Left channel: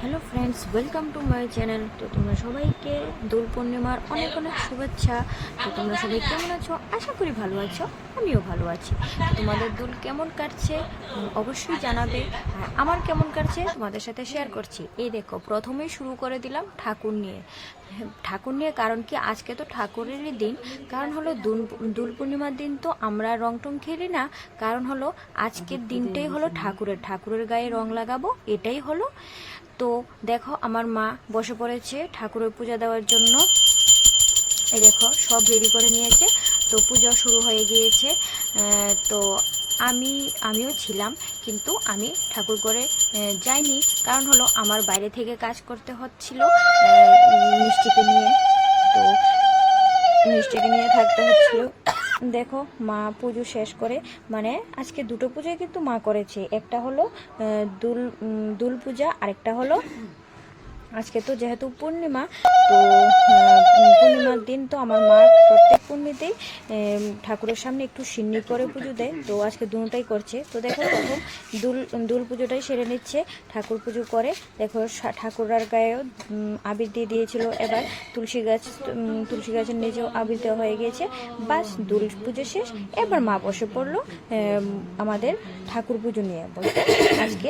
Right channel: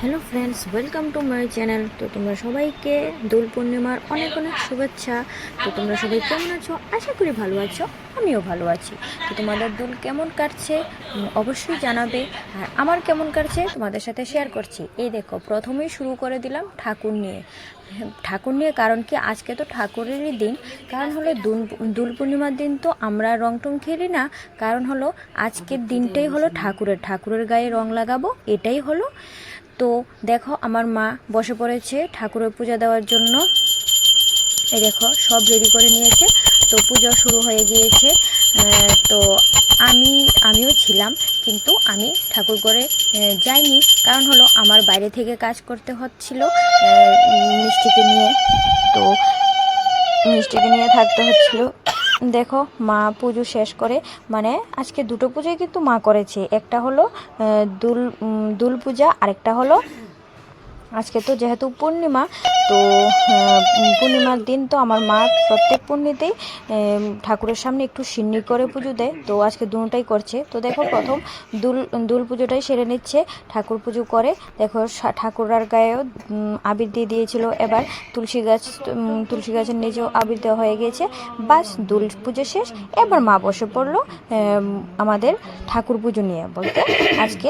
Hello friends, welcome to my channel. তো তোমরা সবাইকে দোল পূর্ণিমার অনেক অনেক শুভেচ্ছা। তো তোমরা সবাই কেমন আছো? আশা করি ভালো আছো, আমিও ভালো আছি। তো তোমাদের দোল কেমন কাটছে অবশ্যই জানাবে, আর আমার কেমন কাটছে তোমাদের সাথে শেয়ার করছি। এই দেখো, প্রথমেই শুরু করে দিলাম ঠাকুর নিয়ে। ঠাকুর নিয়ে কারণ কি, আজকে তো ঠাকুরেরই দিন। কারণ হলো দোল পূর্ণিমার দিন তো আমরা রং টং খেলি না। কারণ হলো আজকের দিনটাই হলো ঠাকুরের গায়ে রং লাগাবো, এটাই হলো। তো দেখো, আমার মা বসে পড়েছে ঠাকুরের পূজা দেওয়ার জন্য। এই দেখো, সব রেডি করে নিয়েছে। তো পূজা শুরু হয়ে গিয়েছে। তো আমিও ছিলাম, কিন্তু আমি ঠাকুর ঘরে যাইনি। কারণ হলো আমার বাইরে থেকে কাজ করতে হচ্ছিল মিষ্টিকে নিয়ে। তো মিষ্টিকে নিয়ে থাকতে হচ্ছিল। দেখো, মা পুজো শেষ করে, মানে আজকে দুটো পুজোই কিন্তু মা করেছে। একটা হলো দুল পূজা, আরেকটা হলো আজকে তো যেহেতু পূর্ণিমা। তো পূর্ণিমার দিন তো আমার মা প্রত্যেক পূর্ণিতেই ঠাকুরের সামনে একটু সিন্নি করে পুজো দেয়। তো আজকে দুটোটাই করছে। তো দেখো, প্রথম দুল পুজোটাই সেরে নিচ্ছে, ঠাকুর পুজো করে। দেখো, ঠাকুরার গায়েও আবির দিয়ে দিয়েছিল। এবার তুলসী গাছের নিচেও আবির দেওয়া হয়ে গিয়েছে। বাস, দুল পুজো শেষ। এবার মা বসে পড়লো আমাদের ঠাকুর পুজো নিয়ে, বলতে আজকে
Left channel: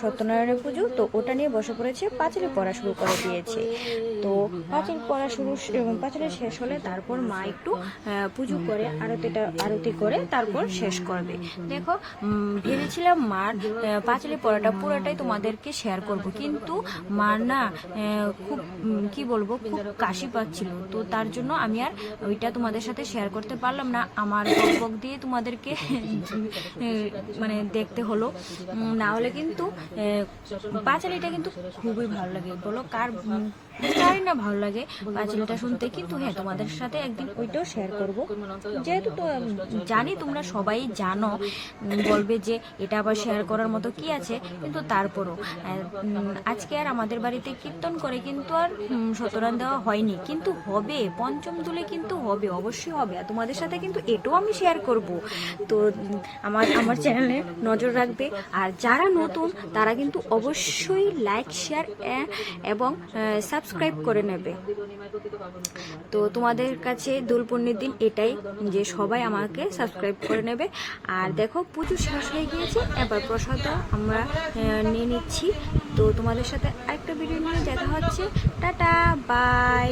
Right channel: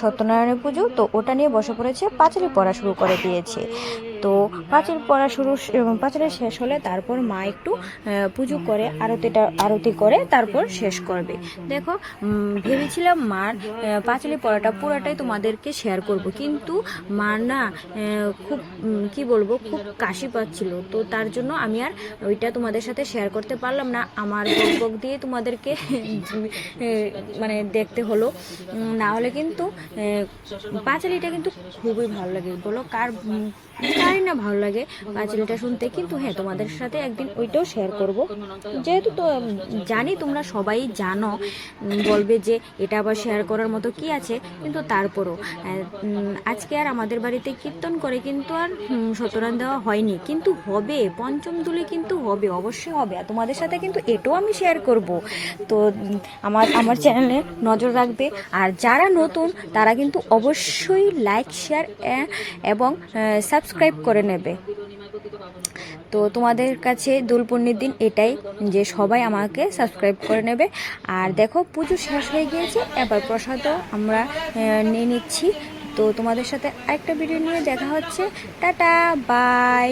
সত্যনারায়ণের পুজো। তো ওটা নিয়ে বসে পড়েছে, পাঁচালি পড়া শুরু করে দিয়েছে। তো পাঁচালি শেষ হলে তারপর মা একটু পুজো করে, আরতি করে তারপর শেষ করবে। দেখো, ভেবেছিলাম মার পাঁচালি পড়াটা পুরোটাই তোমাদেরকে শেয়ার করব, কিন্তু মার না খুব কি বলবো, খুব কাশি পাচ্ছিল। তো তার জন্য আমি আর ওইটা তোমাদের সাথে শেয়ার করতে পারলাম না। আমার বক দিয়ে তোমাদেরকে মানে দেখতে হলো। না হলে কিন্তু পাঁচালিটা কিন্তু খুবই ভালো লাগে। বলো কারই না ভালো লাগে পাঁচালিটা শুনতে। কিন্তু হ্যাঁ, তোমাদের সাথে একদিন ওইটাও শেয়ার করব। যেহেতু তো জানি তোমরা সবাই জানো, বলবে যে এটা আবার শেয়ার করার মতো কি আছে, কিন্তু তারপরও আজকে আর আমাদের বাড়িতে কীর্তন করে কিন্তু আর সত্যনারায়ণ দেওয়া হয়নি, কিন্তু হবে পঞ্চম দুলে, কিন্তু হবে, অবশ্যই হবে। আর তোমাদের সাথে কিন্তু এটাও আমি শেয়ার করব। তো আমার চ্যানেলে নজর রাখবে। আর যারা নতুন তারা কিন্তু অবশ্যই লাইক, শেয়ার এবং সাবস্ক্রাইব করে নেবে। তো তোমাদের কাছে দোল পূর্ণিমার দিন এটাই, যে সবাই আমাকে সাবস্ক্রাইব করে নেবে। আর দেখো, পুজো শেষ হয়ে গিয়েছে, এবার প্রসাদও আমরা নিয়ে নিচ্ছি। তো তোমাদের সাথে আরেকটা ভিডিও নিয়ে দেখা হচ্ছে। Tata, by.